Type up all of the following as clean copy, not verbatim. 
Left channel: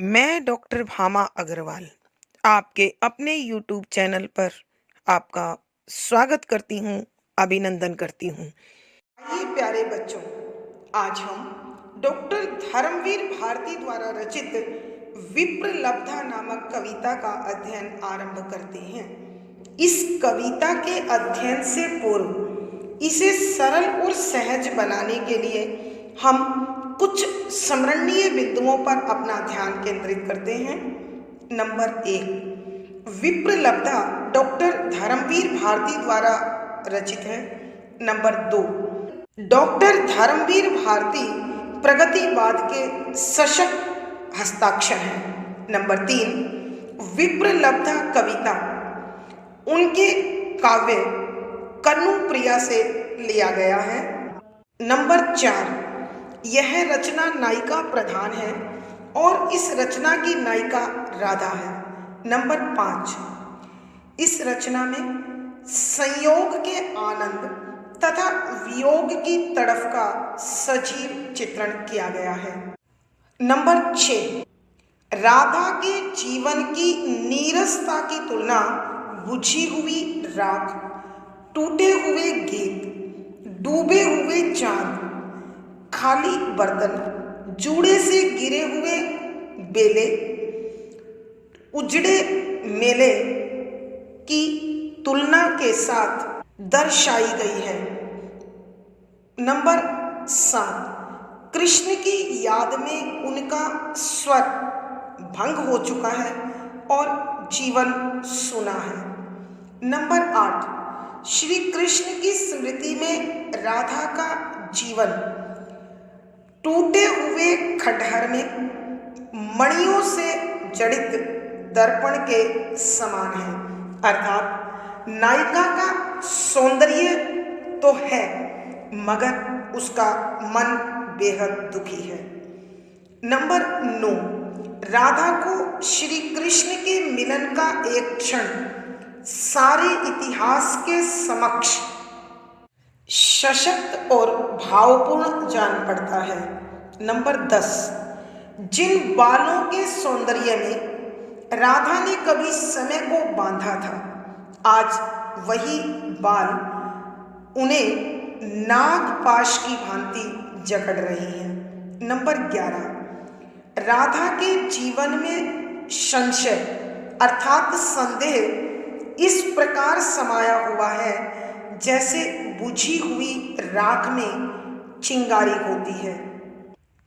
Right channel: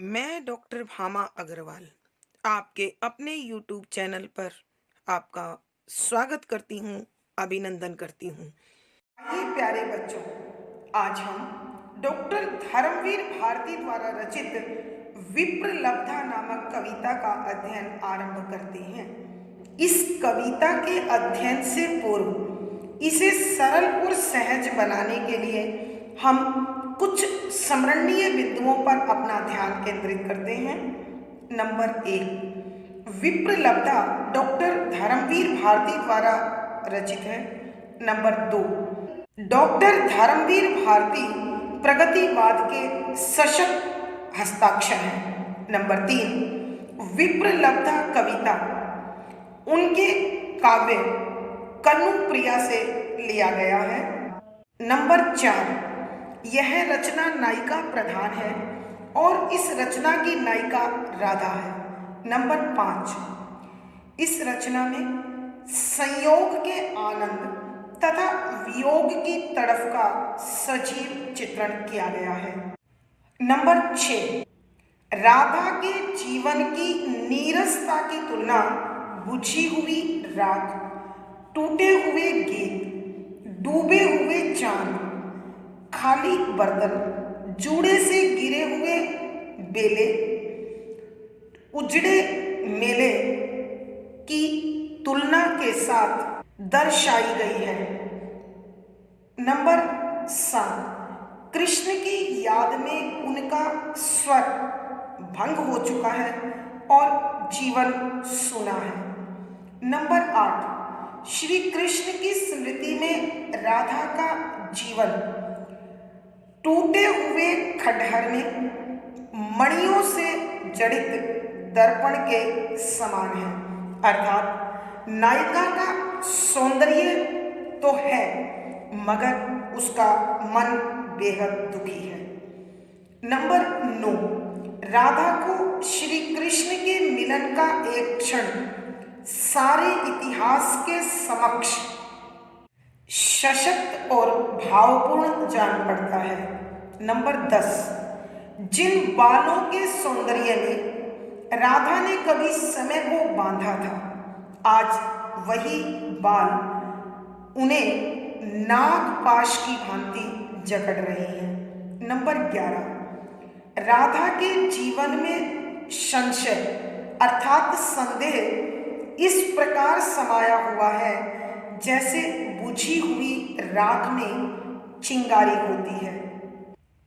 मैं डॉक्टर भामा अग्रवाल आपके अपने यूट्यूब चैनल पर आपका स्वागत करती हूँ, अभिनंदन करती हूँ। आइए प्यारे बच्चों, आज हम डॉक्टर धर्मवीर भारती द्वारा रचित विप्रलब्धा नामक कविता का अध्ययन आरंभ करते हैं। इस कविता के अध्ययन से पूर्व इसे सरल और सहज बनाने के लिए हम कुछ स्मरणीय बिंदुओं पर अपना ध्यान केंद्रित करते हैं। नंबर 1, विप्रलब्धा डॉक्टर धर्मवीर भारती द्वारा रचित है। नंबर 2, डॉक्टर धर्मवीर भारती प्रगतिवाद के सशक्त हस्ताक्षर हैं। नंबर 3, विप्रलब्धा कविता उनके काव्य कन्नू प्रिया से लिया गया है। नंबर 4, यह रचना नायिका प्रधान है और इस रचना की नायिका राधा है। नंबर 5, इस रचना में संयोग के आनंद तथा वियोग की तड़फ का सजीव चित्रण किया गया है। नंबर 6, राधा के जीवन की नीरसता की तुलना बुझी हुई राख, टूटे हुए गीत, डूबे हुए चांद, खाली बर्तन, जूड़े से गिरे हुए बेले, उजड़े मेले की तुलना के साथ दर्शाई गई है। नंबर 7, कृष्ण की याद में उनका स्वर भंग हो चुका है और जीवन सूना है। नंबर 8, श्री कृष्ण की स्मृति में राधा का जीवन टूटे हुए खंडहर में मणियों से जड़ित दर्पण के समान है, अर्थात नायिका का सौंदर्य तो है मगर उसका मन बेहद दुखी है। नंबर 9, राधा को श्री कृष्ण के मिलन का एक क्षण सारे इतिहास के समक्ष सशक्त और भावपूर्ण जान पड़ता है। नंबर 10, जिन बालों के सौंदर्य में राधा ने कभी समय को बांधा था, आज वही बाल उन्हें नागपाश की भांति जकड़ रहे हैं। नंबर 11, राधा के जीवन में संशय अर्थात संदेह इस प्रकार समाया हुआ है जैसे बुझी हुई राख में चिंगारी होती है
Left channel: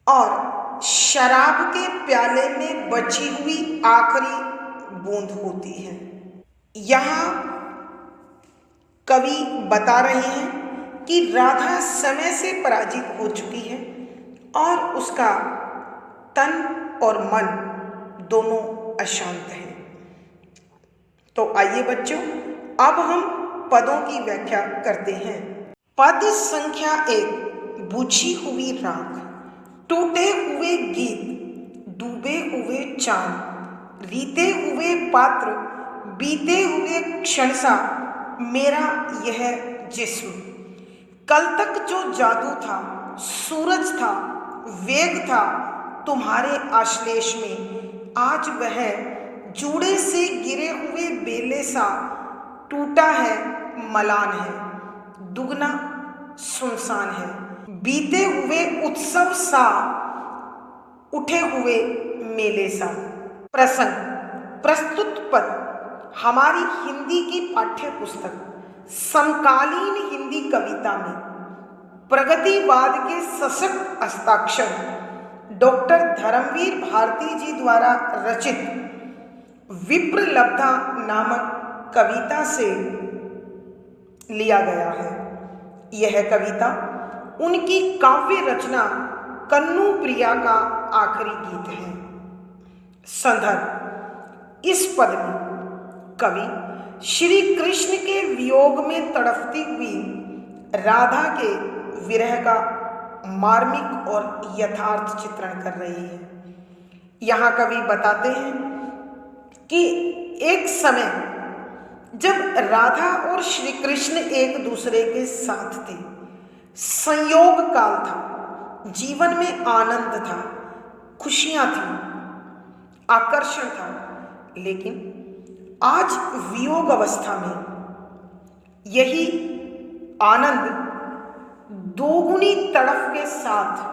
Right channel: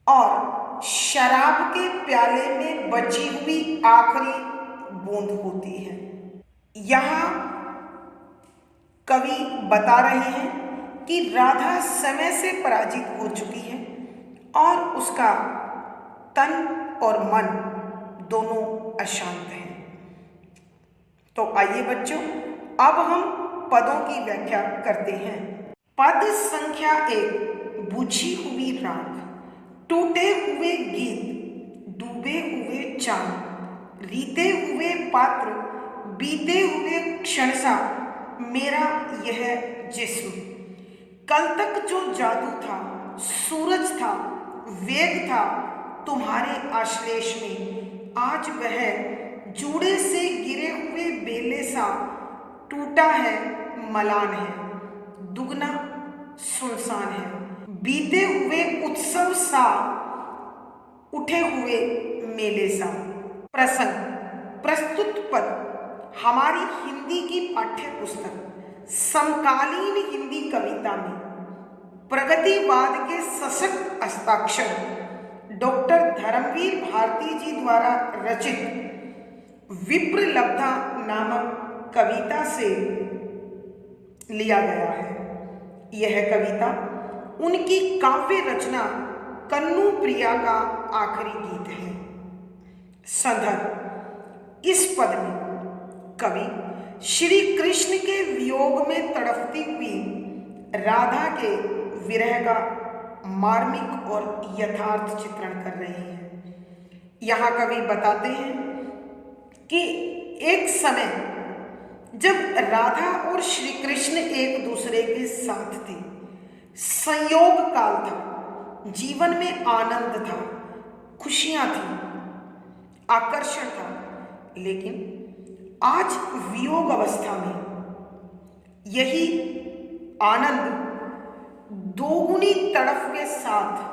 और शराब के प्याले में बची हुई आखिरी बूंद होती है। यहाँ कवि बता रहे हैं कि राधा समय से पराजित हो चुकी है और उसका तन और मन दोनों अशांत हैं। तो आइए बच्चों, अब हम पदों की व्याख्या करते हैं। पद संख्या 1, बुझी हुई राख, टूटे हुए गीत, डूबे हुए चांद, रीते हुए पात्र, बीते हुए क्षण सा मेरा यह जिस्म, कल तक जो जादू था, सूरज था, वेग था तुम्हारे आश्लेष में, आज वह जूड़े से गिरे हुए बेले सा टूटा है, मलान है, दुगना सुनसान है, बीते हुए उत्सव सा, उठे हुए मेले सा। प्रसंग, प्रस्तुत पद हमारी हिंदी की पाठ्य पुस्तक समकालीन हिंदी कविता में प्रगतिवाद के सशक्त हस्ताक्षर डॉक्टर धर्मवीर भारती जी द्वारा रचित विप्रलब्धा नामक कविता से लिया गया है। यह कविता उनकी काव्य रचना कन्नू प्रिया का आखिरी गीत है। संदर्भ, इस पद में कवि श्री कृष्ण के वियोग में तड़पती हुई राधा के विरह का मार्मिक और यथार्थ चित्रण कर रही है। यहाँ कवि बताते हैं कि एक समय जब राधा और श्री कृष्ण एक दूसरे के साथ थे, संयोग काल था, जीवन में आनंद था, खुशियां थीं, आकर्षण था, लेकिन आज वियोग अवस्था में यही आनंद दोगुनी तड़फ के साथ,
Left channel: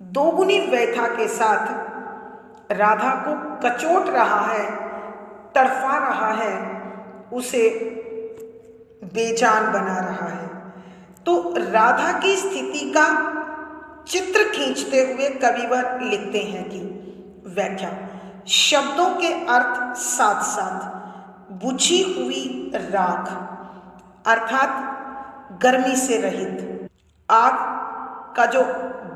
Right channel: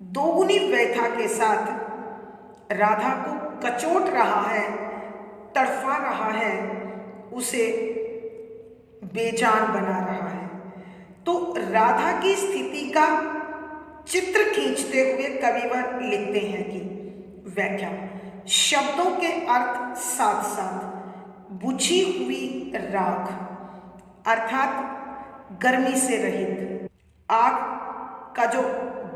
दोगुनी व्यथा के साथ राधा को कचोट रहा है, तड़फा रहा है, उसे बेजान बना रहा है। तो राधा की स्थिति का चित्र खींचते हुए कविवर लिखते हैं कि व्याख्या, शब्दों के अर्थ साथ साथ बुझी हुई राख अर्थात गर्मी से रहित, आग का जो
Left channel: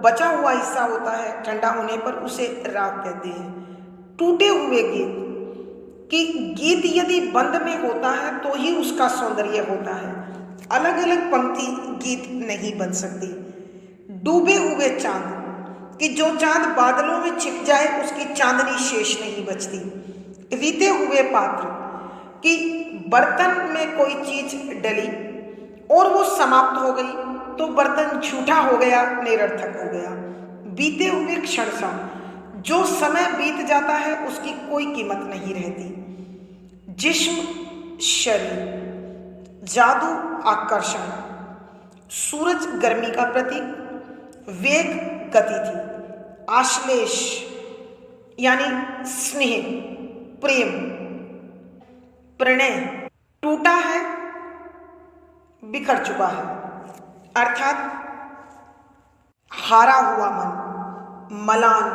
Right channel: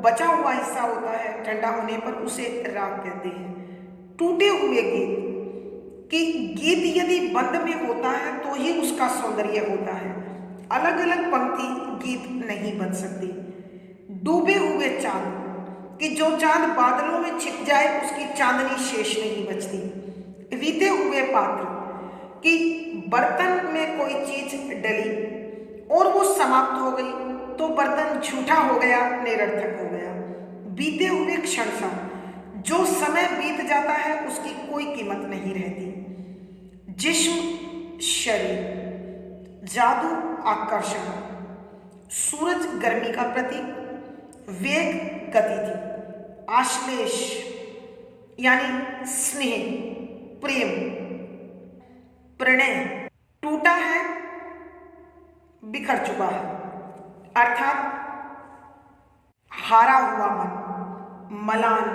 बचा हुआ हिस्सा होता है ठंडा होने पर उसे राख कहते हैं। टूटे हुए गीत कि गीत यदि बंद में होता है तो ही उसका सौंदर्य होता है, अलग अलग पंक्ति गीत नहीं बन सकती। डूबे हुए चांद कि जो चांद बादलों में छिप जाए उसकी चांदनी शेष नहीं बचती। रीते हुए पात्र कि बर्तन में कोई चीज डली और वो समाप्त हो गई तो बर्तन झूठा हो गया, निरर्थक हो गया। बीते हुए क्षण सा, जो समय बीत जाता है उसकी कोई कीमत नहीं रहती। जिस्म शरीर, जादू आकर्षण, सूरज गर्मी का प्रतीक, वेग गति थी, आश्लेष यानी स्नेह, प्रेम, प्रणय, टूटा है, बिखर चुका है, अर्थात हारा हुआ मन, मलान।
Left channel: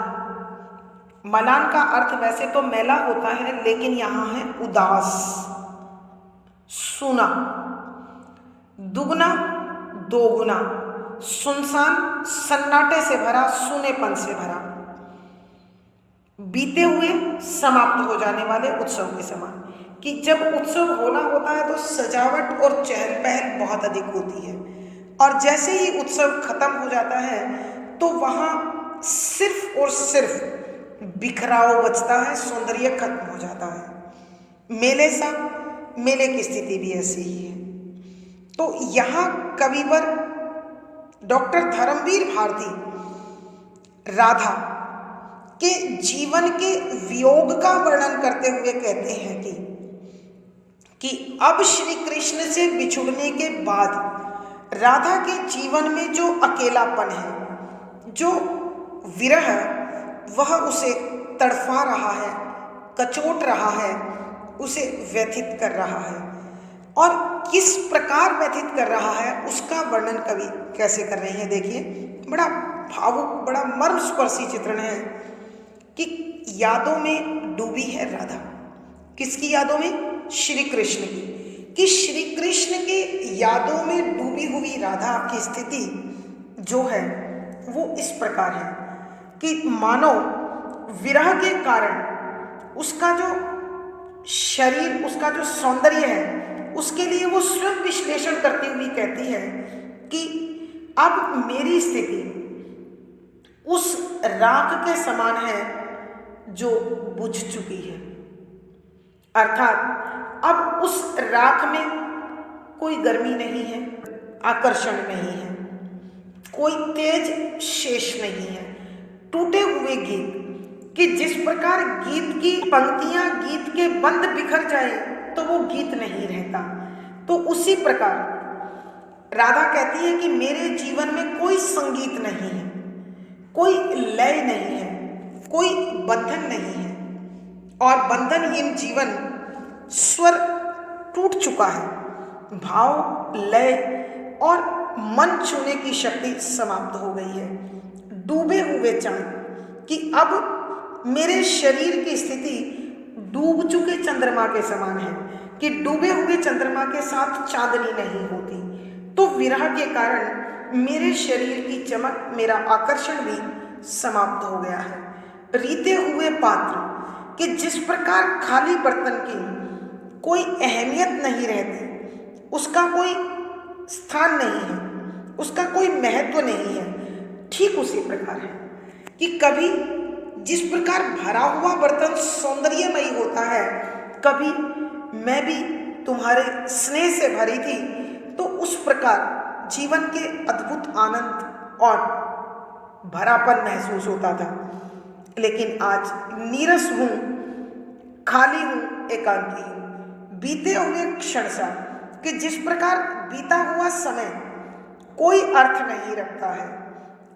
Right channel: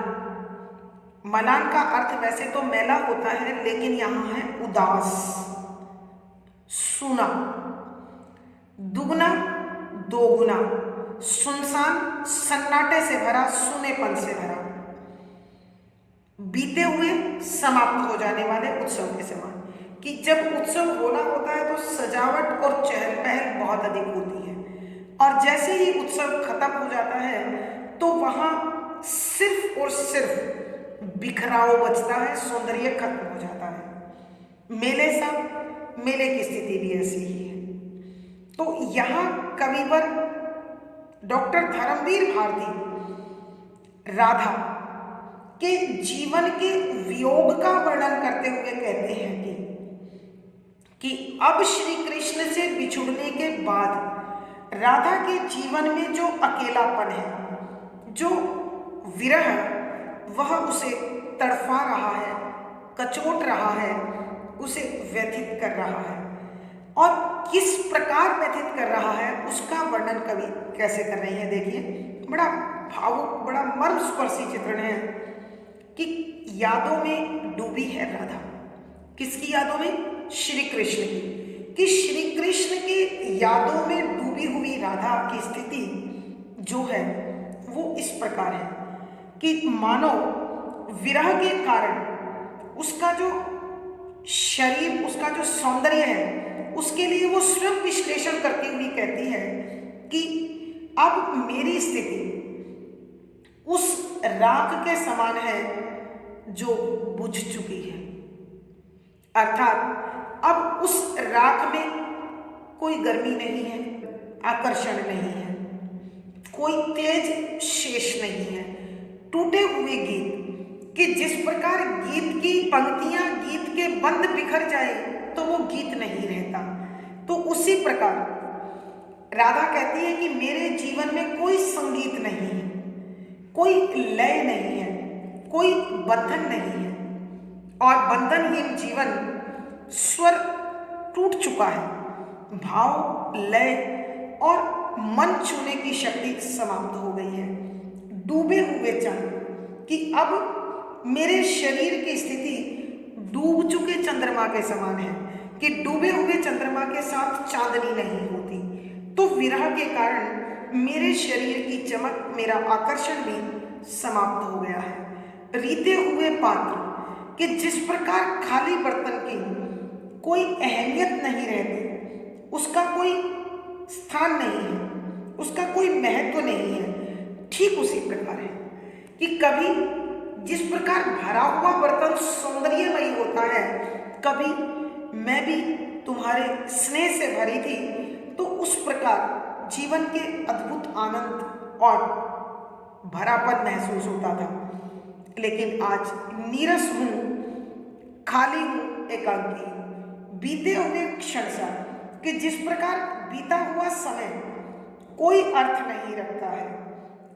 मलान का अर्थ वैसे तो मैला होता है, लेकिन यहां है उदास, सूना, दुगना, दोगुना, सुनसान, सन्नाटे से भरा, सूनेपन से भरा, बीते हुए, समाप्त हो जाने वाले उत्सव के समान। कि जब उत्सव होना होता है तो सजावट और चहल पहल बहुत अधिक होती है, और जैसे ही उत्सव खत्म हो जाता है तो वहां सिर्फ और सिर्फ बिखराव बचता है, सौंदर्य खत्म हो जाता है। मेले सा, मेले की स्थिति भी ऐसी ही है। तो यहां कविवर डॉक्टर धर्मवीर भारती राधा के जीवन के वियोग का वर्णन करते हुए कहते हैं कि अब श्री कृष्ण से बिछुड़ने के बाद राधा के जीवन में जो अकेलापन है, जो विरह, वह उसे तड़फा रहा है, कचोट रहा है, उसे व्यथित कर रहा है। और किस प्रकार व्यथित कर रहा है उसका वर्णन कवि कैसे कर रहे हैं, देखिए। बड़ा भावुक, बड़ा मर्मस्पर्शी चित्रण है कि यादों में डूबी है राधा। किसकी यादों में? श्री कृष्ण की। कि श्री कृष्ण की यादों में डूबी हुई राधा की स्थिति जो है वो इस प्रकार है कि मानो विरह के कारण उसका जो शरीर, उसका जो सौंदर्य है, उसके लिए वो स्वयं विश्लेषण करती हुई कहती है कि अब मेरी स्थिति उस राख के समान है जो बुझ चुकी है। अर्थात अब उस राख में कोई गर्मी नहीं है, आकर्षण नहीं है, कोई तेज शेष नहीं है। टूटे हुए गीत कि जिस प्रकार गीत की पंक्तियां, गीत के बंद बिखर जाए तो वो गीत नहीं रहता, तो उसी प्रकार राधा कहती है कि मेरे जीवन में कोई संगीत नहीं है, कोई लय नहीं है, कोई बंधन नहीं है, और बंधनहीन जीवन, स्वर टूट चुका है, भाव, लय और मन छूने की शक्ति समाप्त हो गई है। डूबे हुए चांद कि अब मेरे शरीर की स्थिति डूब चुके चंद्रमा के समान है, कि डूबे हुए चंद्रमा के साथ चांदनी नहीं होती। तो विरह के कारण मेरे शरीर की चमक, मेरा आकर्षण भी समाप्त हो गया है। रीते हुए पात्र कि जिस प्रकार खाली बर्तन की कोई अहमियत नहीं रहती, उसका कोई स्थान नहीं है, उसका कोई महत्व नहीं है, ठीक उसी प्रकार है कि कभी जिस प्रकार भरा हुआ बर्तन सौंदर्यमयी होता है, कभी मैं भी तुम्हारे स्नेह से भरी थी, तो उस प्रकार जीवन के अद्भुत आनंद और भरापन महसूस होता था। लेकिन आज नीरस हूँ, खाली हूँ, एकांती हूँ। बीते हुए क्षण सा कि जिस प्रकार बीता हुआ समय कोई अर्थ नहीं रखता है,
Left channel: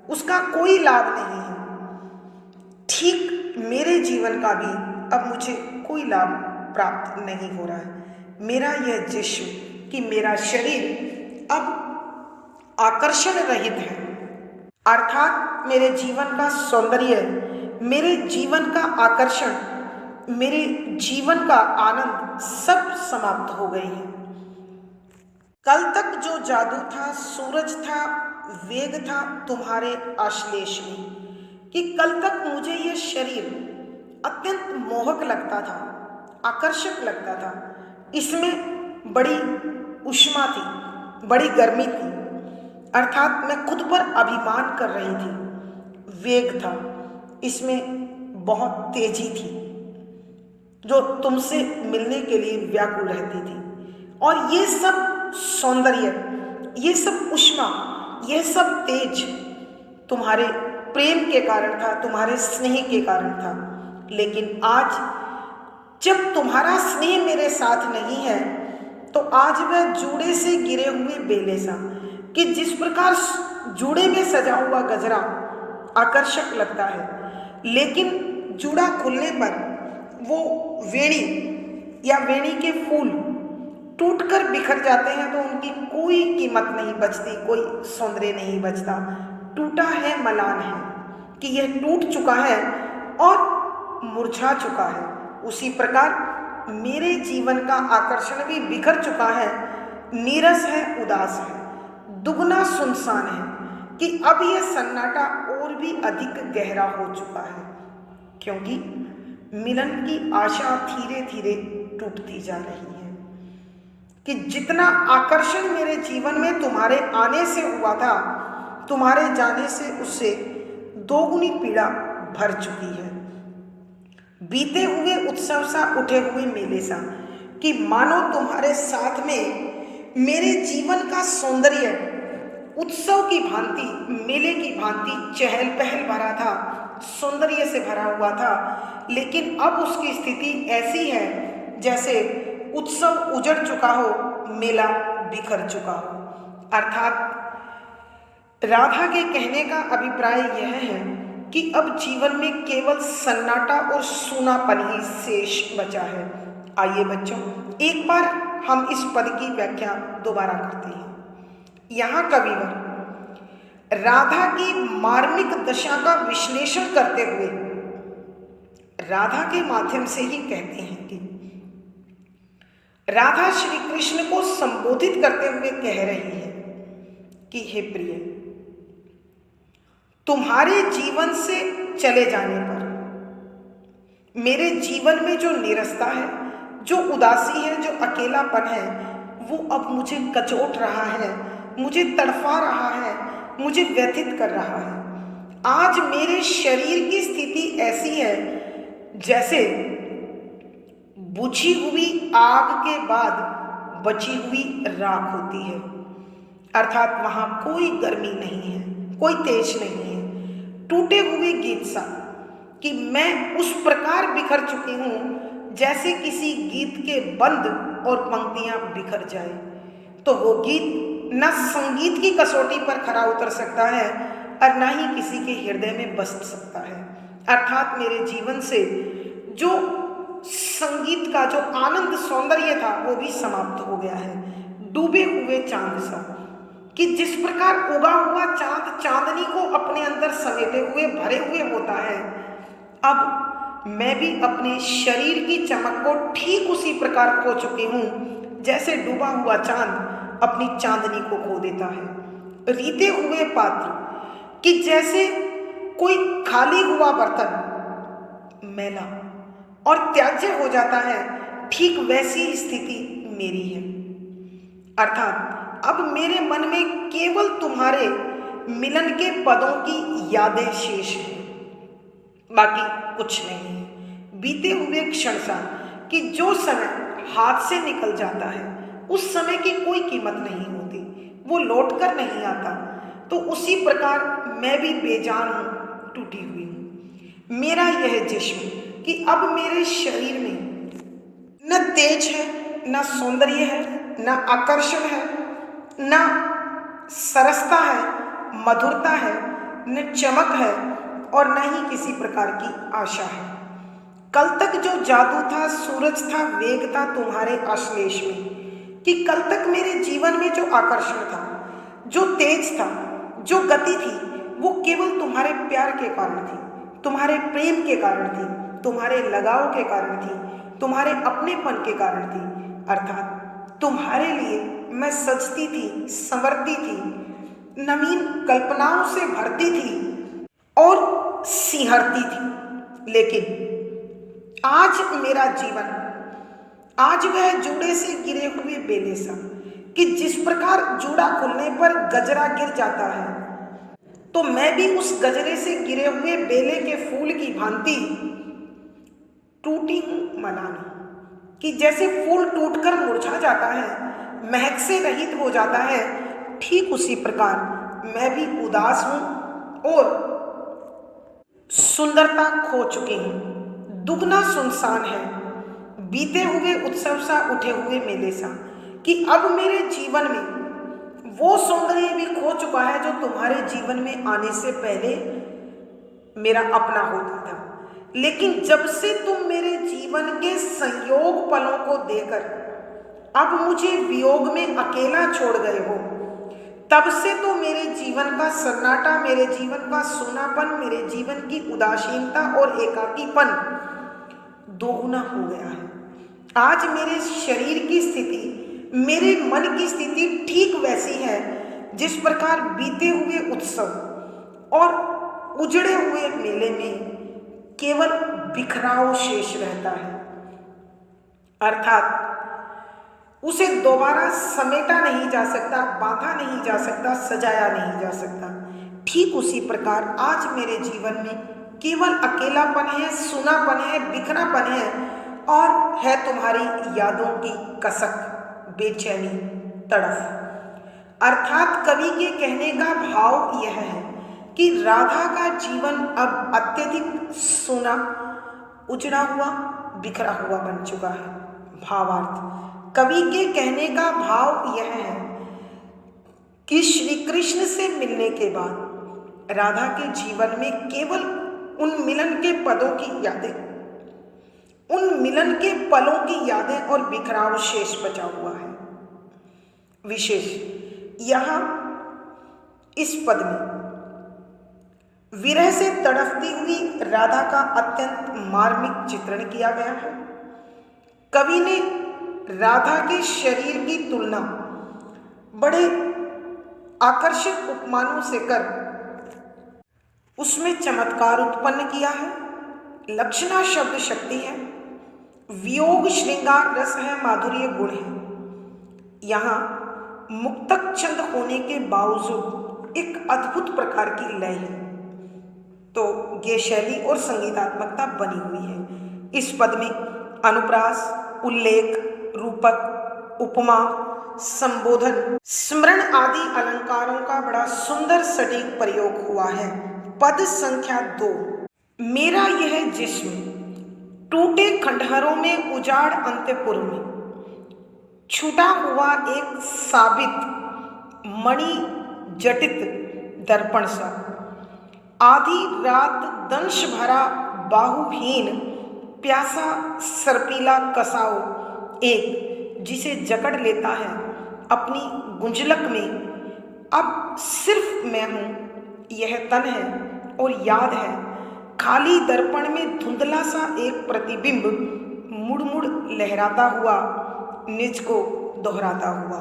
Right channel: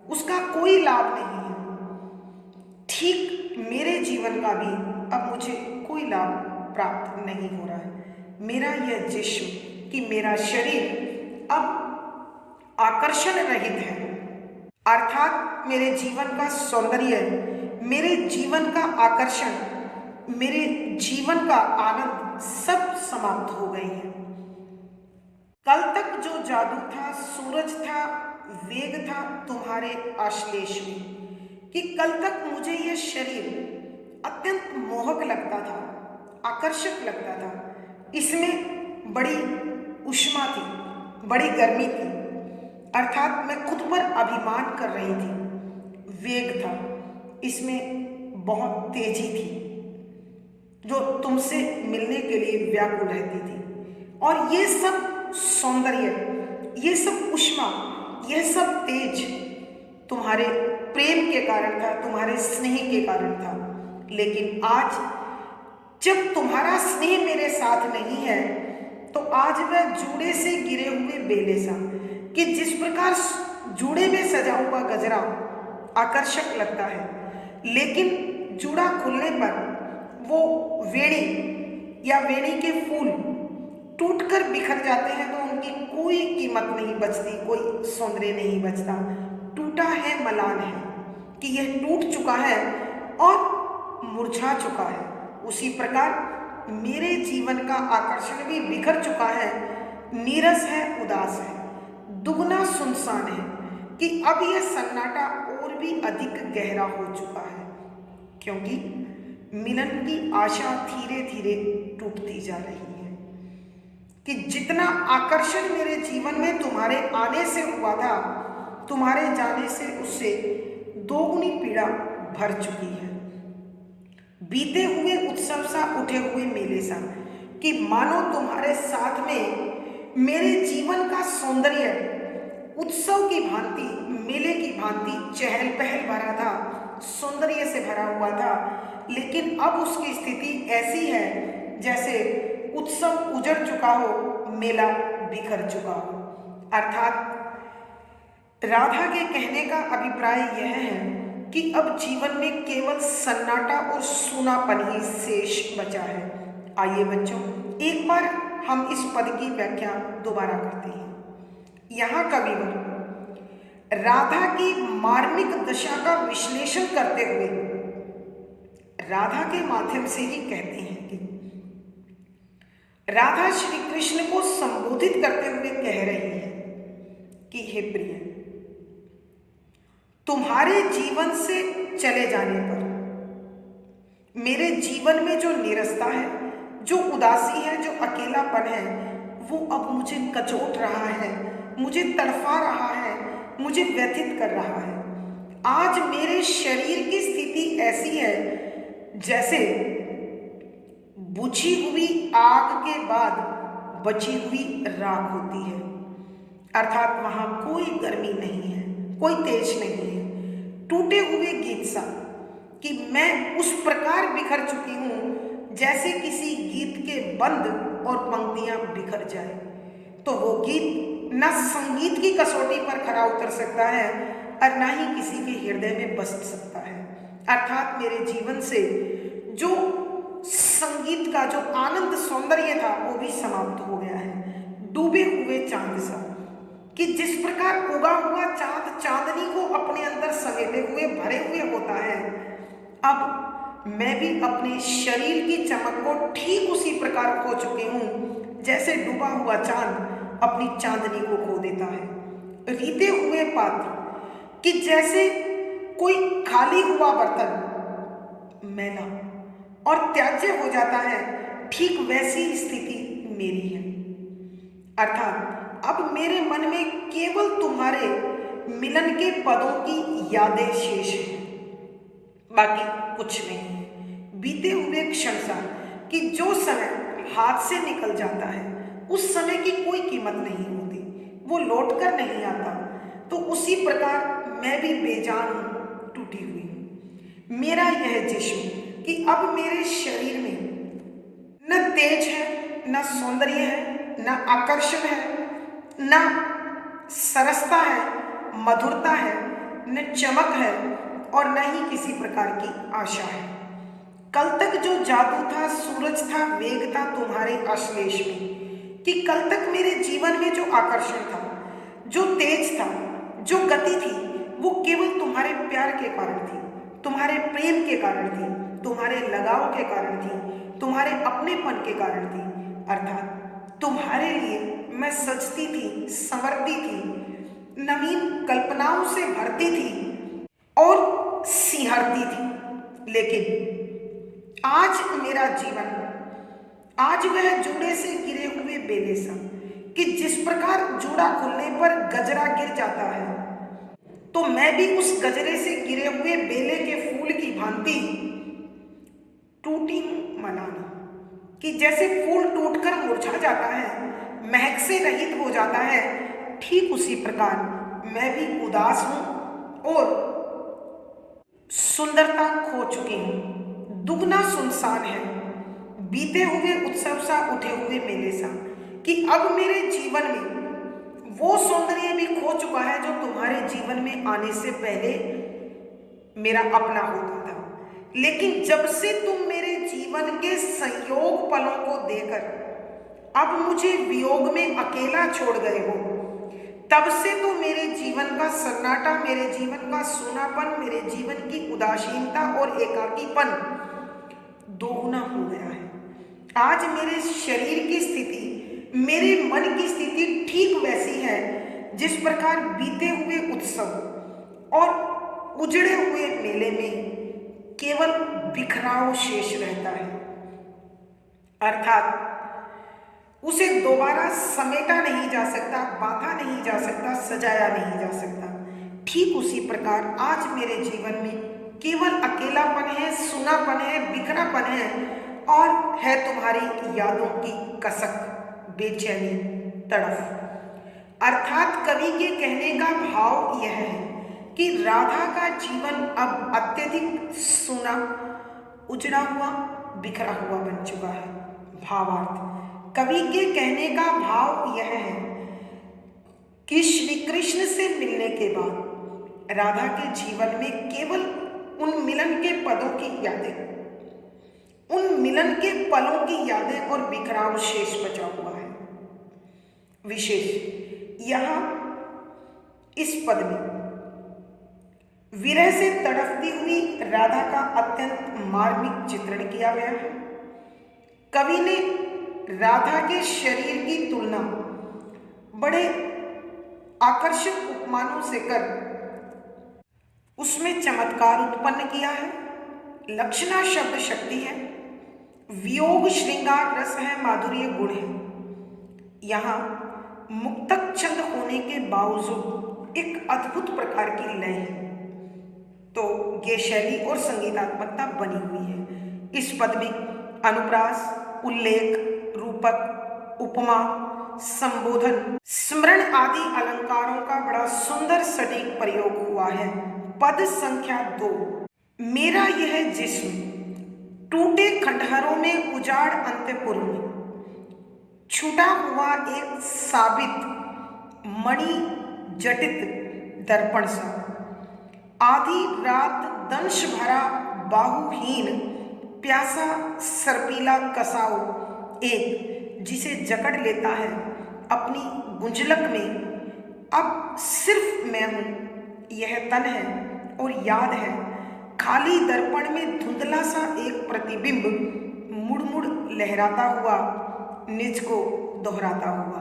उसका कोई लाभ नहीं है, ठीक मेरे जीवन का भी अब मुझे कोई लाभ प्राप्त नहीं हो रहा है। मेरा यह जिस्म कि मेरा शरीर अब आकर्षण रहित है, अर्थात मेरे जीवन का सौंदर्य, मेरे जीवन का आकर्षण, मेरे जीवन का आनंद सब समाप्त हो गई है। कल तक जो जादू था, सूरज था, वेग था तुम्हारे आश्लेष में, कि कल तक मुझे यह शरीर अत्यंत मोहक लगता था, आकर्षक लगता था। इसमें बड़ी ऊष्मा थी, बड़ी गर्मी थी, अर्थात मैं खुद पर अभिमान कर रही थी। वेग था, इसमें बहुत तेजी थी, जो तुमसे मिलने के लिए व्याकुल रहती थी। और ये सब सौंदर्य, ये सब ऊष्मा, यह सब तेज तुम्हारे प्रेम के कारण था, तुम्हारे स्नेह के कारण था। लेकिन आज जब तुम्हारा स्नेह मेरे साथ नहीं है, तो आज वह जूड़े से गिरे हुए बेले सा, कि जिस प्रकार जूड़े में सजा हुआ गजरा आकर्षक लगता है, लेकिन जूड़ा खुलने पर वो वेणी या वेणी के फूल टूटकर बिखर जाते हैं, तो उनकी कोई कीमत नहीं बचती, कोई सौंदर्य नहीं बचता। टूटा है मलान है कि यह टूट चुका है और मुरझा चुका है। उसी प्रकार मेरे जीवन का आकर्षण भी बिखर चुका है, नीरस है, उदास है, दुगना सुनसान है, कि अब यह सन्नाटा और भी अधिक गहरा हो चुका है, क्योंकि मिलन की आशा धीरे धीरे टूटती जा रही है। कि जितना आकर्षण मेरे जीवन में तुम्हारे आने से हुआ था, तुम्हारे जाने से उससे दोगुनी पीड़ा भर चुकी है। बीते हुए उत्सव सा, उठे हुए मेले सा, कि मानो तुम्हारे साथ में मेरे जीवन का सौंदर्य उत्सव की भांति, मेले की भांति चहल पहल भरा था, सौंदर्य से भरा हुआ था। लेकिन अब उसकी स्थिति ऐसी है जैसे उत्सव उजड़ चुका हो, मेला बिखर चुका हो। अर्थात राधा के कहने का अभिप्राय यह है कि अब जीवन में केवल सन्नाटा और सूनापन ही शेष बचा है। आइए बच्चों, एक बार हम इस पद की व्याख्या दोबारा करते हैं। यहाँ कविवर राधा की मार्मिक दशा का विश्लेषण करते हुए राधा के माध्यम से ही कहते हैं कि राधा श्री कृष्ण को संबोधित करते हुए कह रही है कि हे प्रिय, तुम्हारे जीवन से चले जाने पर मेरे जीवन में जो नीरसता है, जो उदासी है, जो अकेलापन है, वो अब मुझे कचोट रहा है, मुझे तड़फा रहा है, मुझे व्यथित कर रहा है। आज मेरे शरीर की स्थिति ऐसी है जैसे बुझी हुई आग के बाद बची हुई राख होती है, अर्थात वहां कोई गर्मी नहीं है, कोई तेज नहीं है। टूटे हुए गीत सा, कि मैं उस प्रकार बिखर चुकी हूं जैसे किसी गीत के बंद और पंक्तियां बिखर जाए, तो वो गीत न संगीत की कसौटी पर खरा उतर सकता है और न ही किसी के हृदय में बस सकता है। अर्थात मेरे जीवन से जो संगीत का जो आनंद सौंदर्य था, वो भी समाप्त हो गया है। डूबे हुए चांद सा, कि जिस प्रकार उगा हुआ चांद चांदनी को अपने अंदर समेटे हुए भरे हुए होता है, अब मैं भी अपने शरीर की चमक को ठीक उसी प्रकार खो चुकी हूं जैसे डूबा हुआ चांद अपनी चांदनी को खो देता है। रीते हुए पात्र, कि जैसे कोई खाली हुआ बर्तन मैला और त्याज्य हो जाता है, ठीक वैसी स्थिति मेरी है। अर्थात अब मेरे मन में केवल तुम्हारे मिलन के पदों की यादें शेष हैं, बाकी कुछ नहीं है। बीते हुए क्षण सा, कि जो समय हाथ से निकल जाता है उस समय की कोई कीमत नहीं होती, वो लौट कर नहीं आता। तो उसी प्रकार मैं भी बेजान हूँ, टूटी हुई हूँ। मेरा यह जिस्म कि अब मेरे शरीर में न तेज है, न सौंदर्य है, न आकर्षण है, न सरसता है, मधुरता है, न चमक है और न ही किसी प्रकार की आशा है। कल तक जो जादू था, सूरज था, वेग था तुम्हारे आश्लेष में, कि कल तक मेरे जीवन में जो आकर्षण था, जो तेज था, जो गति थी, वो केवल तुम्हारे प्यार के कारण थी, तुम्हारे प्रेम के कारण थी, तुम्हारे लगाव के कारण थी, तुम्हारे अपनेपन के कारण थी। अर्थात तुम्हारे लिए मैं सजती थी, संवरती थी, नवीन कल्पनाओं से भरती थी और सिंहरती थी। लेकिन आज मेरा जीवन, आज वह जूड़े से गिरे हुए बेले सा, कि जिस प्रकार जूड़ा खुलने पर गजरा गिर जाता है, तो मैं भी उस गजरे से गिरे हुए बेले के फूल की भांति टूटी हूं मनानी, कि जैसे फूल टूटकर मुरझा जाता है, महक से रहित हो जाता है, ठीक उसी प्रकार मैं भी उदास हूं और सुंदरता खो चुकी हूं। दुगना सुनसान है, बीते हुए उत्सव सा, उठे हुए मेले सा, कि अब मेरे जीवन में वो सौंदर्य भी खो चुका है जो तुम्हारे जीवन में आने से पहले मेरा अपना होता था। लेकिन जब से तुम मेरे जीवन के संयोग पलों को देकर अब मुझे वियोग में अकेला छोड़ गए हो, तब से तो मेरे जीवन का सन्नाटा, मेरे जीवन का सूनापन, मेरे जीवन की उदासीनता और एकाकीपन दोगुना हो गया है। आज मेरे शरीर की स्थिति, मेरे मन की स्थिति ठीक वैसी है जिस प्रकार बीते हुए उत्सव और उजड़े हुए मेले में केवल बिखराव शेष रहता है। अर्थात उसे दोबारा समेटा नहीं जा सकता, बांधा नहीं जा सकता, सजाया नहीं जा सकता। ठीक उसी प्रकार आज मेरे जीवन में केवल अकेलापन है, सुनापन है, बिखरापन है और है तुम्हारी यादों की कसक, बेचैनी, तड़फ। अर्थात कवि के कहने का भाव यह है कि राधा का जीवन अब अत्यधिक सूना, उजड़ा हुआ, बिखरा हुआ बन चुका है। भावार्थ, कवि के कहने का भाव यह है कि श्री कृष्ण से मिलने के बाद राधा के जीवन में केवल उन मिलन के पदों की यादें, उन मिलन के पलों की यादें और बिखराव शेष बचा हुआ है। विशेष यहां इस पद में विरह से तड़पती हुई राधा का अत्यंत मार्मिक चित्रण किया गया है। कवि ने राधा के शरीर की तुलना बड़े आकर्षक उपमानों से कर उसमें चमत्कार उत्पन्न किया है। लक्षणा शब्द शक्ति है, वियोग श्रृंगार रस है, माधुर्य गुण है। यहाँ मुक्तक छंद होने के बावजूद एक अद्भुत प्रकार की लय है, तो ये शैली और संगीतात्मकता बनी हुई है। इस पद में अनुप्रास, उल्लेख, रूपक, उपमा, संबोधन, स्मरण आदि अलंकारों का बड़ा सुंदर सटीक प्रयोग हुआ है। पद संख्या 2, मेरा यह जिस्म टूटे खंडहरों में, उजाड़ अंतपुर में, छूटा हुआ एक साबित मणि जटित दर्पण सा, आधी रात दंश भरा बाहुहीन प्यासा सर्पीला कसाओ, एक जिसे जकड़ लेता है अपनी गुंजलक में। अब सिर्फ मैं हूं, यह तन है और याद है, खाली दर्पण में धुंधला सा एक प्रतिबिंब मुड़ मुड़ लहराता हुआ, निज को दोहराता हुआ।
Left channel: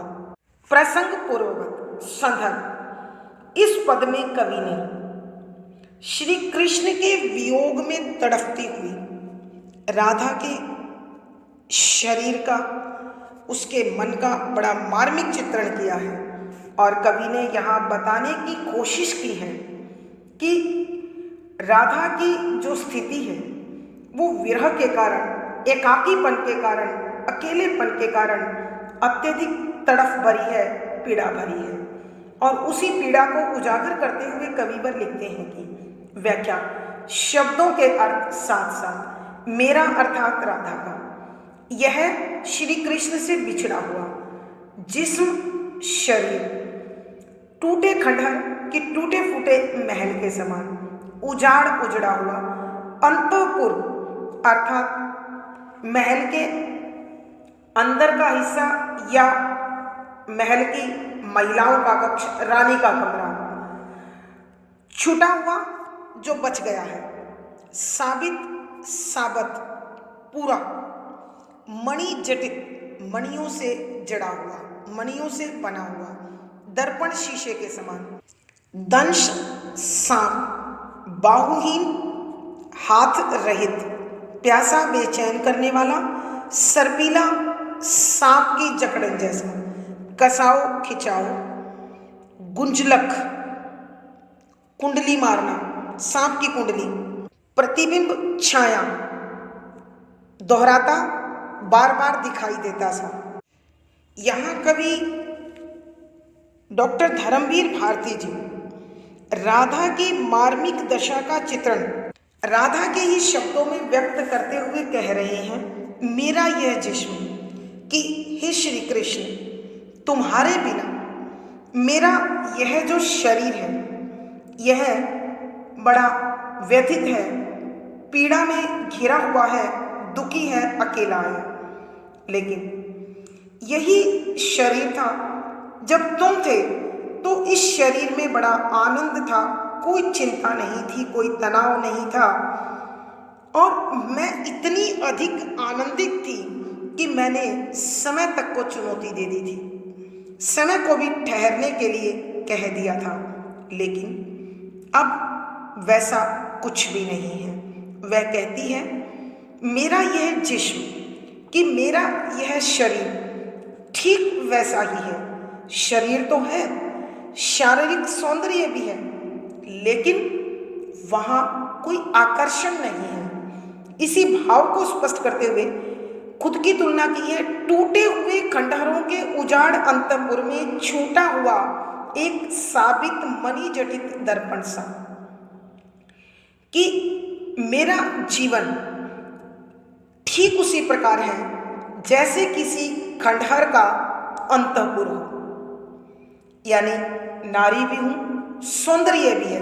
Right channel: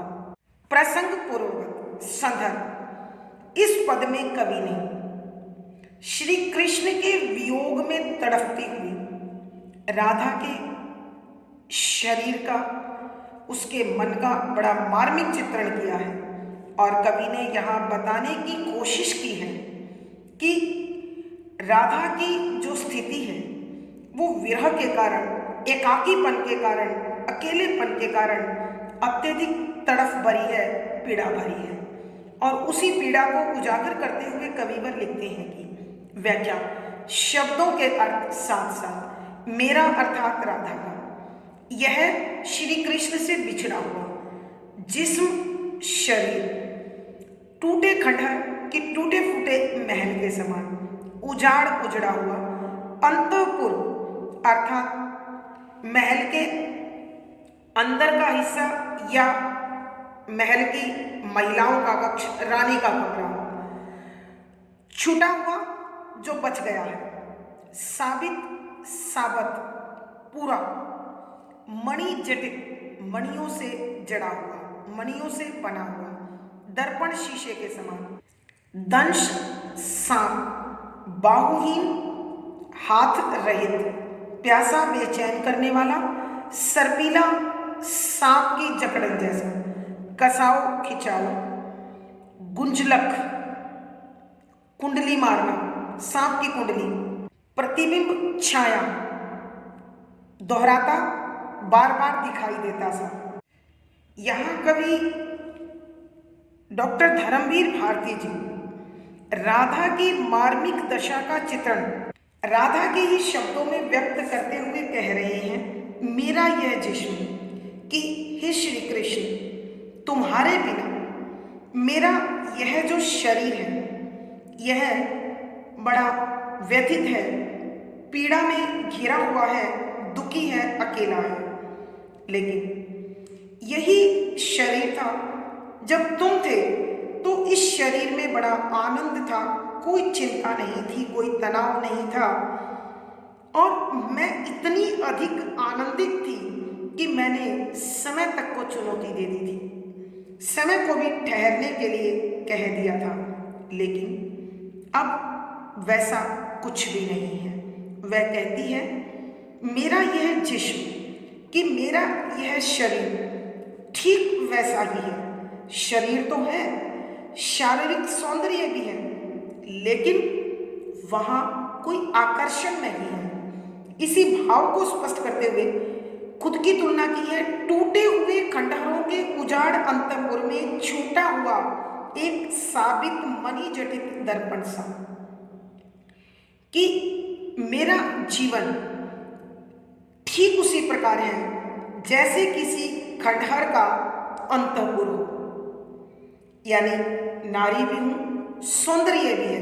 प्रसंग पूर्ववत संदर्भ, इस पद में कवि ने श्री कृष्ण के वियोग में तड़पती हुई राधा के शरीर का, उसके मन का बड़ा मार्मिक चित्रण किया है। और कवि ने यहाँ बताने की कोशिश की है कि राधा की जो स्थिति है वो विरह के कारण, एकाकीपन के कारण, अकेलेपन के कारण अत्यधिक तड़फ भरी है, पीड़ा भरी है। और उसी पीड़ा को उजागर करते हुए कविवर लिखते हैं कि व्याख्या, शब्दों के अर्थ साथ साथ मेरा अर्थात राधा का यह श्री कृष्ण से बिछड़ा हुआ जिस्म शरीर टूटे खंडहर कि टूटे फूटे महल के समान उजाड़ उजड़ा हुआ अंतःपुर अर्थात महल के अंदर का हिस्सा या महल की महिलाओं का कक्ष, रानी का कमरा छूटा हुआ जो बच गया है, साबित साबत पूरा, मणि जटित मणियों से जड़ा हुआ, मणियों से बना हुआ, दर्पण शीशे के समान, दंश सांप, बाहुहीन हाथ रहित, प्यासा बेचैन करने वाला, सर्पीला सांप की जकड़न जैसा, कसाओ खिंचाओ, गुंजलक कुंडली मारना, सांप की कुंडली, प्रतिबिंब छाया दोहराता बार बार दिखाई देता सा। यहाँ कवि डॉक्टर धर्मवीर भारती जी राधा की मार्मिक दशा का चित्रण राधा के ही शब्दों में व्यक्त करते हुए कह रहे हैं, मेरा यह जिस्म कि हे श्री कृष्ण तुम्हारे बिना मेरा यह जो शरीर है यह बड़ा व्यथित है, पीड़ा में घिरा हुआ है, दुखी है, अकेला है। लेकिन यही शरीर था जब तुम थे तो इस शरीर में बड़ा आनंद था, कोई चिंता नहीं थी, कोई तनाव नहीं था और मैं इतनी अधिक आनंदित थी कि मैंने समय तक को चुनौती दे दी थी, समय को भी ठहरने के लिए कह दिया था। लेकिन अब वैसा कुछ भी नहीं है। वह कहती है, मेरा यह जिस्म कि मेरा यह शरीर ठीक वैसा ही है। शरीर तो है, शारीरिक सौंदर्य भी है, लेकिन वहाँ कोई आकर्षण नहीं है। इसी भाव को स्पष्ट करते हुए खुद की तुलना की है टूटे हुए खंडहरों के उजाड़ अंतपुर में छूटा हुआ एक साबित मणि जटित दर्पण सा, कि मेरा जीवन ठीक उसी प्रकार है जैसे किसी खंडहर का अंतपुर हो, यानी नारी भी हूं, सौंदर्य भी है,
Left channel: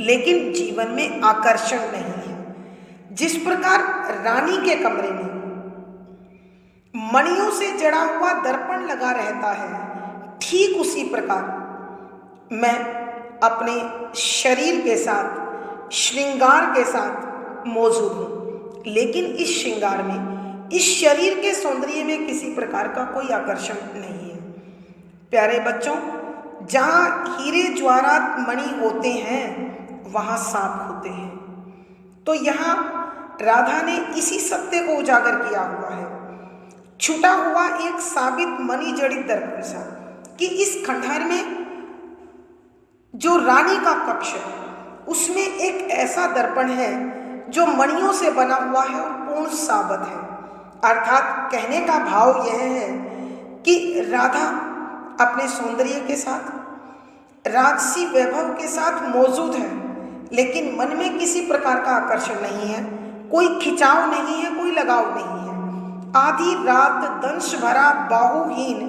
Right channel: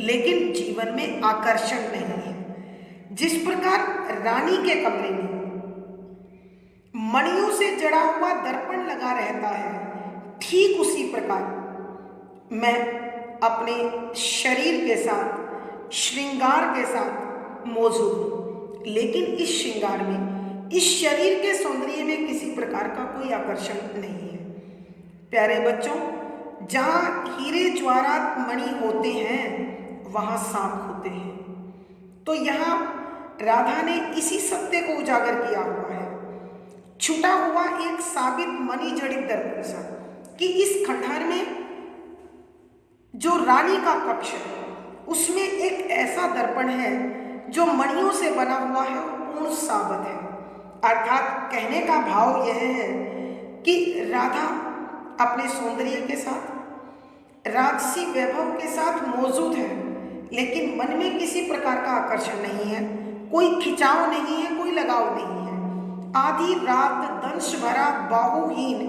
लेकिन जीवन में आकर्षण नहीं है। जिस प्रकार रानी के कमरे में मणियों से जड़ा हुआ दर्पण लगा रहता है, ठीक उसी प्रकार मैं अपने शरीर के साथ, श्रृंगार के साथ मौजूद हूँ, लेकिन इस श्रृंगार में, इस शरीर के सौंदर्य में किसी प्रकार का कोई आकर्षण नहीं है। प्यारे बच्चों, जहाँ हीरे ज्वारात मणि होते हैं वहाँ सांप होते हैं। तो यहाँ राधा ने इसी सत्य को उजागर किया हुआ है। छूटा हुआ एक साबित मणि जड़ित दर्पण सा, कि इस खंडहर में जो रानी का कक्ष है उसमें एक ऐसा दर्पण है जो मणियों से बना हुआ है और पूर्ण साबित है। अर्थात कहने का भाव यह है कि राधा अपने सौंदर्य के साथ, राजसी वैभव के साथ मौजूद है, लेकिन मन में किसी प्रकार का आकर्षण नहीं है, कोई खिंचाव नहीं है, कोई लगाव नहीं है। आधी रात दंश भरा बाहुहीन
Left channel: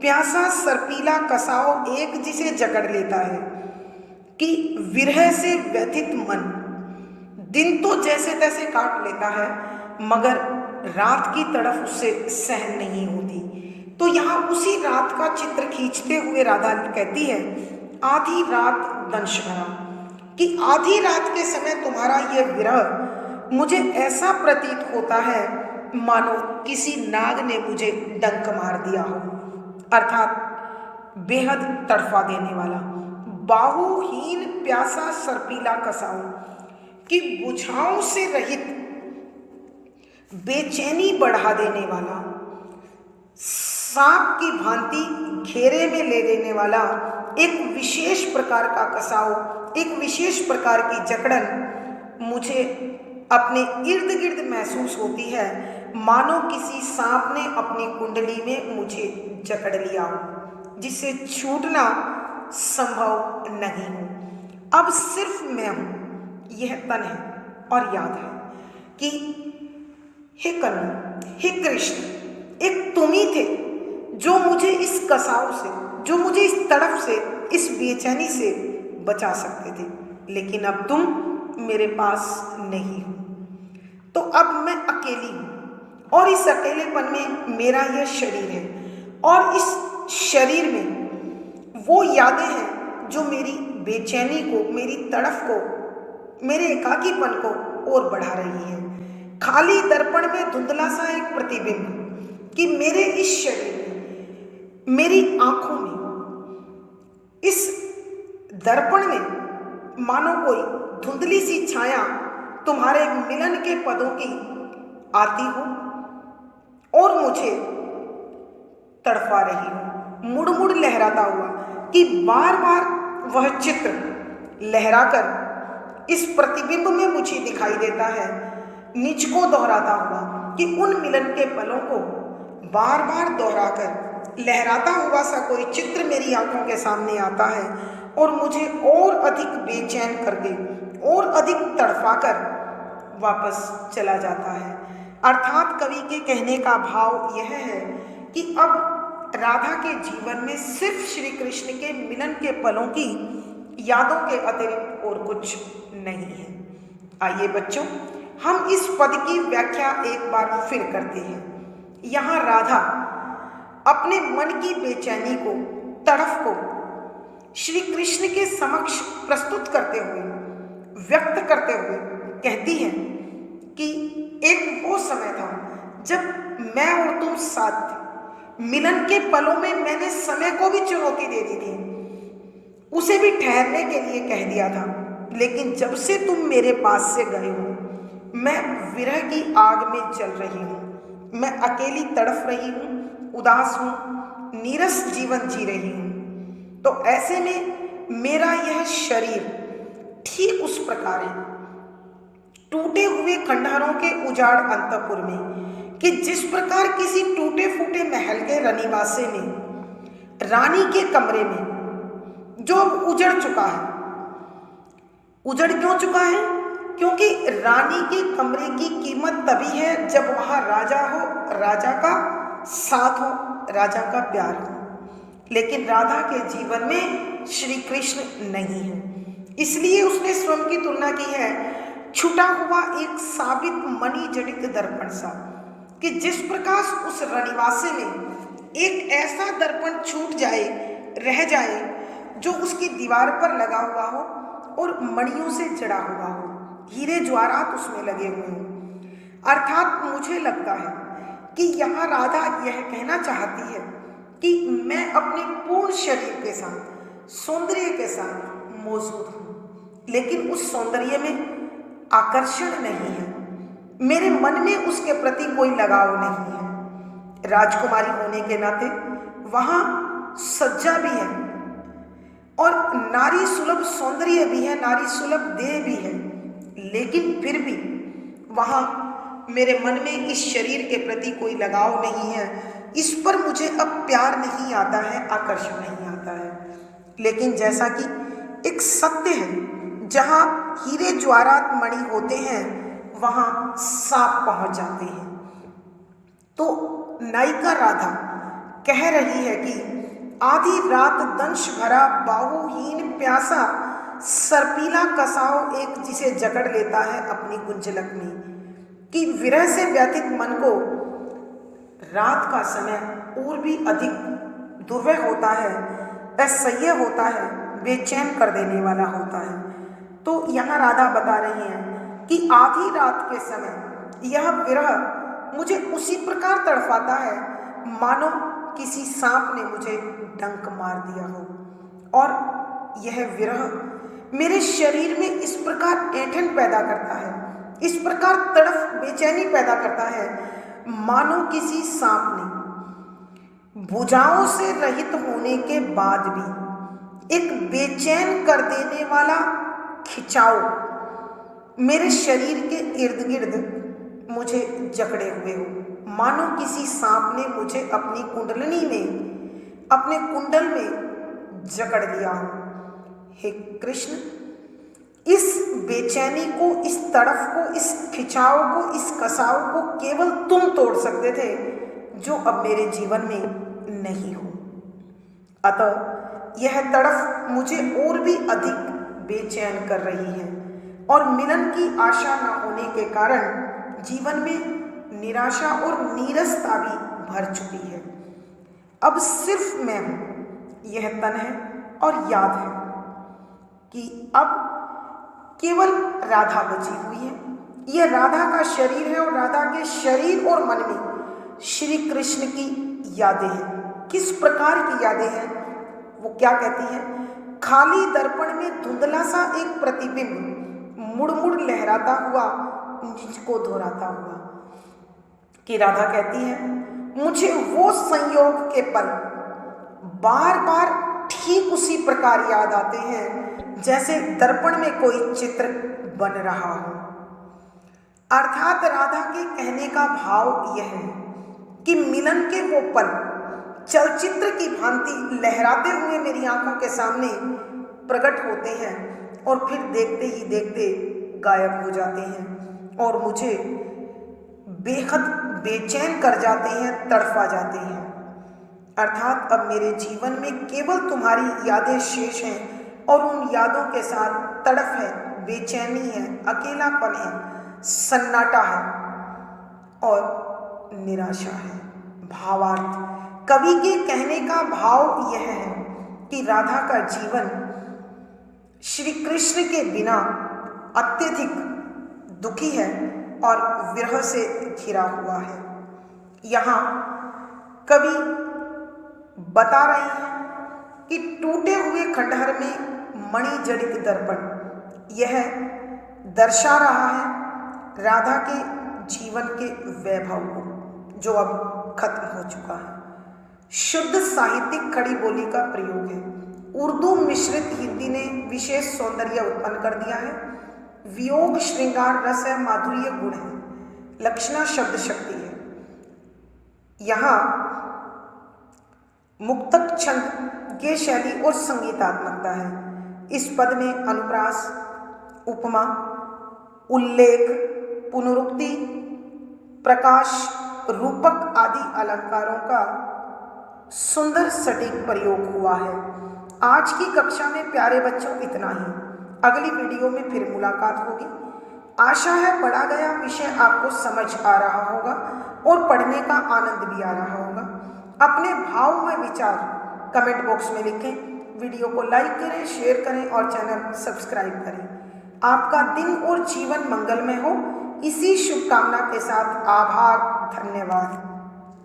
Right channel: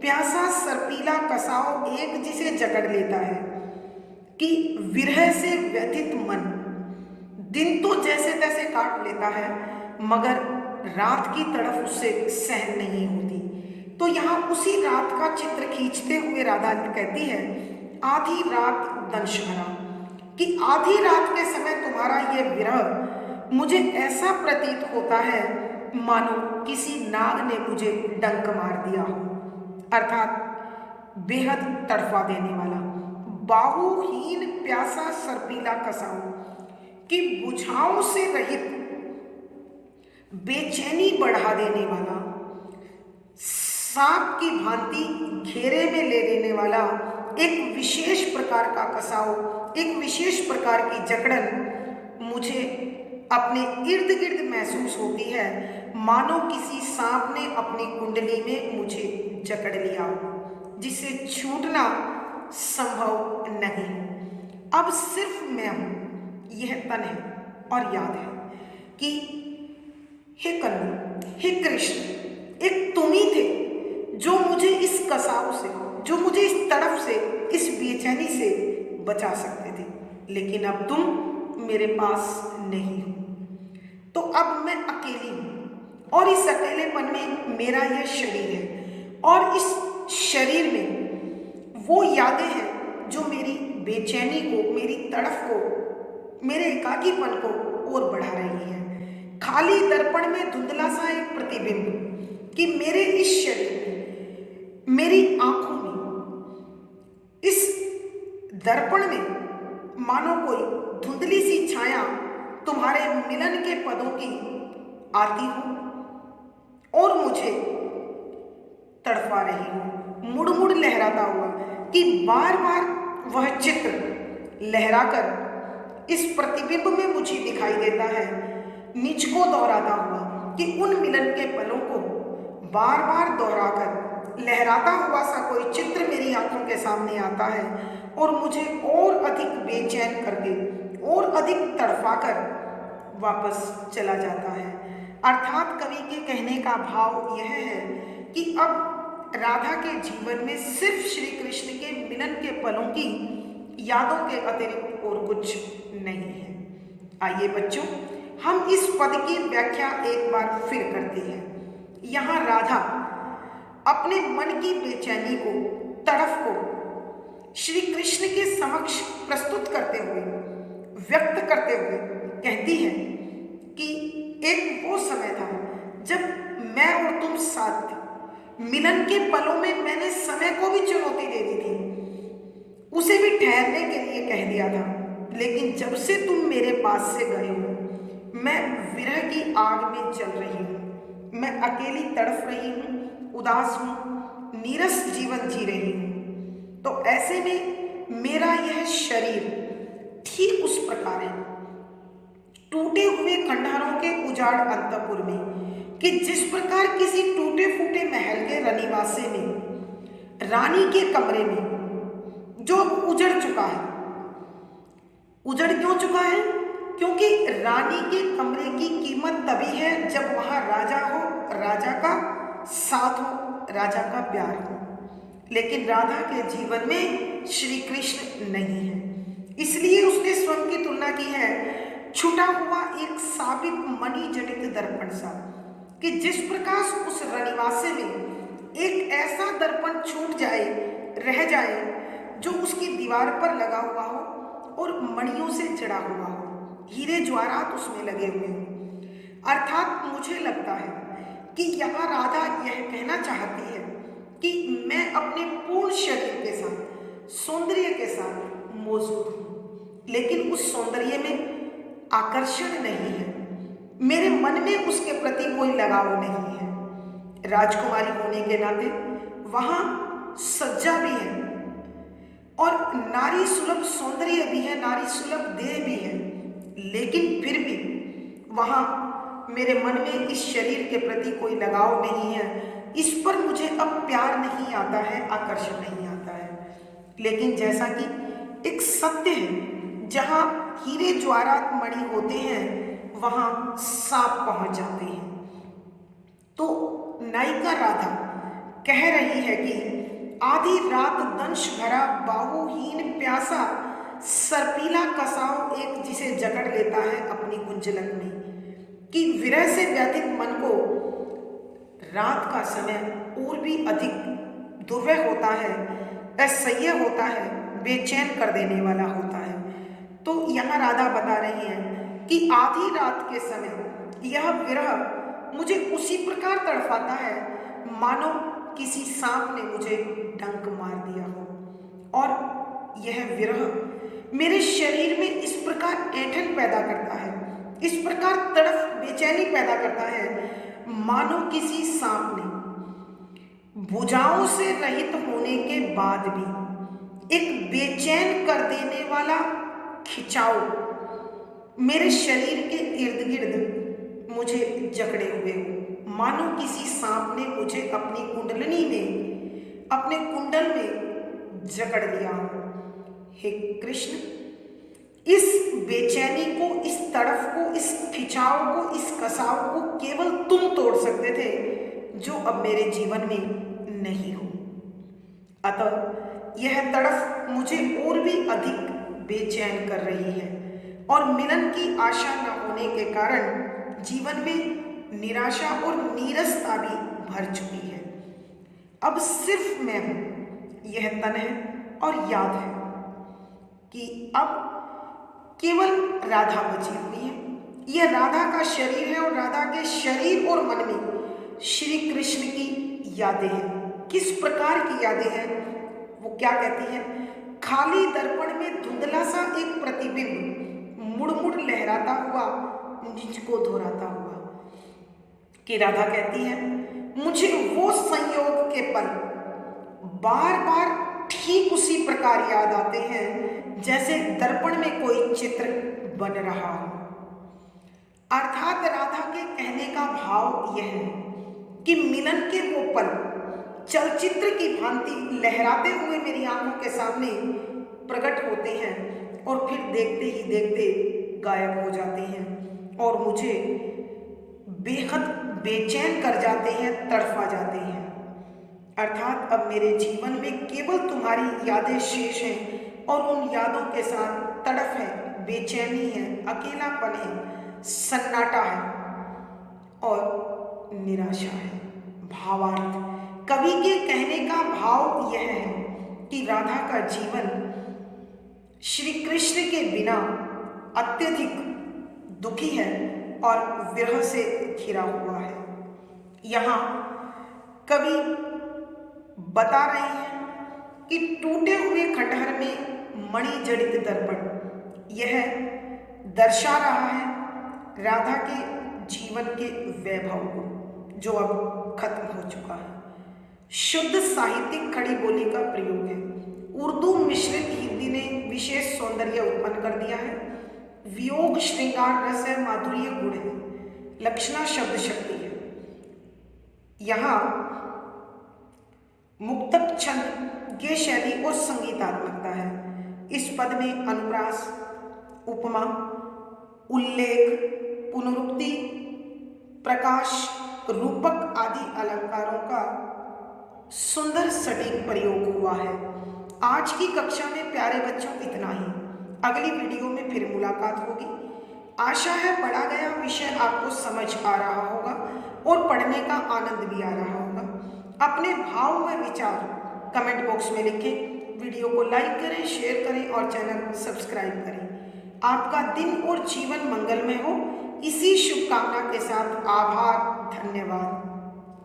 प्यासा सर्पीला कसाओ एक जिसे जकड़ लेता है, कि विरह से व्यथित मन दिन तो जैसे तैसे काट लेता है, मगर रात की तड़फ उससे सहन नहीं होती। तो यहाँ उसी रात का चित्र खींचते हुए राधा कहती है, आधी रात दंश भरा, कि आधी रात के समय तुम्हारा यह विरह मुझे ऐसा प्रतीत होता है मानो किसी नाग ने मुझे डंक मार दिया हो, अर्थात बेहद तड़फा देने वाला, बाहुहीन प्यासा सर्पीला कसाऊ, कि बुझाओं से रहित बेचैनी बढ़ा देने वाला, सांप की भांति घेरे में ले लेने वाला एक विशेष प्रकार का कसाव, एक विशेष प्रकार की जकड़न मुझे अपने इर्द गिर्द महसूस होती है, मानो किसी सांप ने अपनी कुंडली में मुझे जकड़ लिया हो, जिससे छूटना संभव नहीं हो। अब सिर्फ मैं हूँ, यह तन है और याद है कि हे कन्हु, हे कृष्ण, एक तुम ही थे जो मुझे इस कसाव से, जो मुझे इस तड़फ से, इस बेचैनी से बचा सकते थे, लेकिन अब तुम मेरे पास नहीं हो। तो अब मैं अकेली हूँ और इस अकेलेपन में मेरा यह शरीर है और इस शरीर में वो यादें हैं जो मेरी बेचैनी को, मेरी तड़फ को, मेरे एकाकीपन को और बढ़ा रही है। खाली दर्पण में धुंधला सा एक प्रतिबिंब कि मेरे इस शरीर में, मेरी आंखों में, इस दर्पण में मानो कोई धुंधली सी छाया तुम्हारे मिलन के पदों की आती हो और मुझे तड़फा रही हो, मुड़ मुड़ लहराता हुआ कि बार बार वह चित्र लहराकर इस प्रतिबिंब में मुझे दिखाई देता है, निज को दोहराता हुआ कि उन मिलन के पलों को बार बार दोहराकर लहराता हुआ सा कोई चित्र मेरी आंखों के सामने आता है और मुझे और अधिक बेचैन करके और अधिक तड़फाकर वापस चला जाता है। अर्थात कवि के कहने का भाव यह है कि अब राधा के जीवन में सिर्फ श्री कृष्ण के मिलन के पलों की यादों के अतिरिक्त और कुछ नहीं है। आइए बच्चों, हम इस पद की व्याख्या एक बार फिर करते हैं। यहाँ राधा अपने मन की बेचैनी को, तड़फ को श्री कृष्ण के समक्ष प्रस्तुत करते हुए, व्यक्त करते हुए कहती है कि एक वो समय था जब मैं और तुम साथ थे। मिलन के पलों में मैंने समय को भी चुनौती दे दी थी, उसे भी ठहरने के लिए कह दिया था, लेकिन जब से तुम मेरे पास से गए हो, मैं विरह की आग में जल रही हूँ। मैं अकेली तड़फ रही हूँ, उदास हूँ, नीरस जीवन जी रही हूँ। तो ऐसे में मेरा यह शरीर ठीक उस प्रकार है, टूटे हुए खंडहरों के उजाड़ अंतपुर में, कि जिस प्रकार किसी टूटे फूटे महल के रनिवासे में, रानी के कमरे में जो उजड़ चुका है। उजड़ क्यों चुका है? क्योंकि रानी के कमरे की कीमत तभी है जब वहां राजा हो, राजा का साथ हो, राजा का प्यार हो। लेकिन राधा के जीवन में श्री कृष्ण नहीं है, इसलिए उसने स्वयं की तुलना की है छूटा हुआ एक साबित मणि जड़ित दर्पण सा, कि जिस प्रकाश उस रनिवासे में एक ऐसा दर्पण छूट जाए, रह जाए, जो उसकी दीवार पर लगा हुआ हो और मणियों से जड़ा हुआ हो, हीरे ज्वारात उसमें लगे हुए हों। अर्थात मुझे लगता है कि यहाँ राधा यह कहना चाहती है कि मैं अपने पूर्ण शरीर के साथ, सौंदर्य के साथ मौजूद हूँ, लेकिन उस सौंदर्य में आकर्षण नहीं है, मेरे मन में उसके प्रति कोई लगाव नहीं है। राजकुमारी होने के नाते वहाँ सज्जा भी है और नारी सुलभ सौंदर्य भी है, नारी सुलभ देह भी है, लेकिन फिर भी वहाँ मेरे मन में इस शरीर के प्रति कोई लगाव नहीं है। इस पर मुझे अब प्यार नहीं आता है, आकर्षण नहीं आता है। लेकिन जैसा कि एक सत्य है, जहाँ हीरे ज्वारात मणि होते हैं वहाँ सांप पहुँच जाते हैं। तो नायिका राधा कह रही है कि आधी रात दंश भरा बाहुहीन प्यासा सर्पीला कसाव एक जिसे जकड़ लेता है अपनी गुंजलक में, कि विरह से व्यथित मन को रात का समय और भी अधिक दुर्वह होता है, असह्य होता है, बेचैन कर देने वाला होता है। तो यहाँ राधा बता रही है कि आधी रात के समय यह विरह मुझे उसी प्रकार तड़पाता है मानो किसी सांप ने मुझे डंक मार दिया हो, और यह विरह मेरे शरीर में इस प्रकार ऐंठन पैदा करता है, इस प्रकार तड़फ बेचैनी पैदा करता है मानो किसी सांप ने भुजाओं से रहित होने के बाद भी एक बेचैन कर देने वाला खिंचाव मेरे शरीर के इर्द गिर्द मुझे जकड़े हुए हो, मानो किसी सांप ने मुझे अपनी कुंडलनी में, अपने कुंडल में जकड़ लिया हो। हे कृष्ण, इस बेचैनी को, इस तड़फ को, इस खिंचाव को, इस कसाव को केवल तुम तोड़ सकते थे, जो अब मेरे जीवन में नहीं हो। अतः यह तड़फ मुझे और भी अधिक बेचैन कर रही है और मिलन की आशा न होने के कारण जीवन में निराशा और नीरसता भी भर चुकी है। अब सिर्फ मैं हूं, यह तन है और याद है कि अब केवल राधा बची हुई है। यह राधा का शरीर है और राधा के शरीर और मन में श्री कृष्ण की यादें हैं। किस प्रकार की यादें हैं? वो क्या कहती हैं? खाली दर्पण में धुंधला सा एक प्रतिबिंब मुड़ मुड़ लहराता हुआ मुझको दोहराता हुआ। कि राधा कहती है, मुझे वो संयोग के पल बार बार ठीक उसी प्रकार याद आते हैं जैसे दर्पण में कोई चित्र बन रहा हो। अर्थात राधा के कहने का भाव यह है कि मिलन के वो पल चलचित्र की भांति लहराते हुए मेरी आंखों के सामने प्रकट होते हैं और फिर देखते ही देखते गायब हो जाते हैं और मुझे बेहद बेचैन कर जाते हैं, तड़फा जाते हैं। अर्थात अब मेरे जीवन में केवल तुम्हारी यादें शेष हैं और उन यादों के साथ तड़फ है, बेचैनी है, अकेलापन है, सन्नाटा है और निराशा है। भावार्थ: कवि के कहने का भाव यह है कि राधा का जीवन श्री कृष्ण के बिना अत्यधिक दुखी है और विरह से घिरा हुआ है। यहाँ कवि बता रहे हैं कि टूटे हुए खंडहर में मणि जड़ित दर्पण यह दर्शा रहा है राधा के जीवन के वैभव को, जो अब खत्म हो चुका है। शुद्ध साहित्यिक खड़ी बोली का प्रयोग है। उर्दू मिश्रित हिंदी ने विशेष सौंदर्य उत्पन्न कर दिया है। वियोग श्रृंगार रस है, माधुर्य गुण है, लक्षणा शब्द शक्ति है। यहाँ मुक्तक छंद, गे शैली और संगीतात्मकता है। इस पद में अनुप्रास, उपमा, उल्लेख, पुनरुक्ति, प्रकाश, रूपक आदि अलंकारों का सुंदर सटीक प्रयोग हुआ है। आज की कक्षा में प्यारे बच्चों इतना ही। अगली वीडियो में फिर मुलाकात होगी। आशा है पढ़ा गया विषय आपको समझ आ रहा होगा और पढ़ने का आनंद भी आ रहा होगा। अपने भाव में विचार कमेंट बॉक्स में लिखें। वीडियो को लाइक करें, शेयर करें और चैनल सब्सक्राइब करें। आपका दिन और जीवन मंगलमय हो, इसी शुभकामना के साथ आभार, धन्यवाद।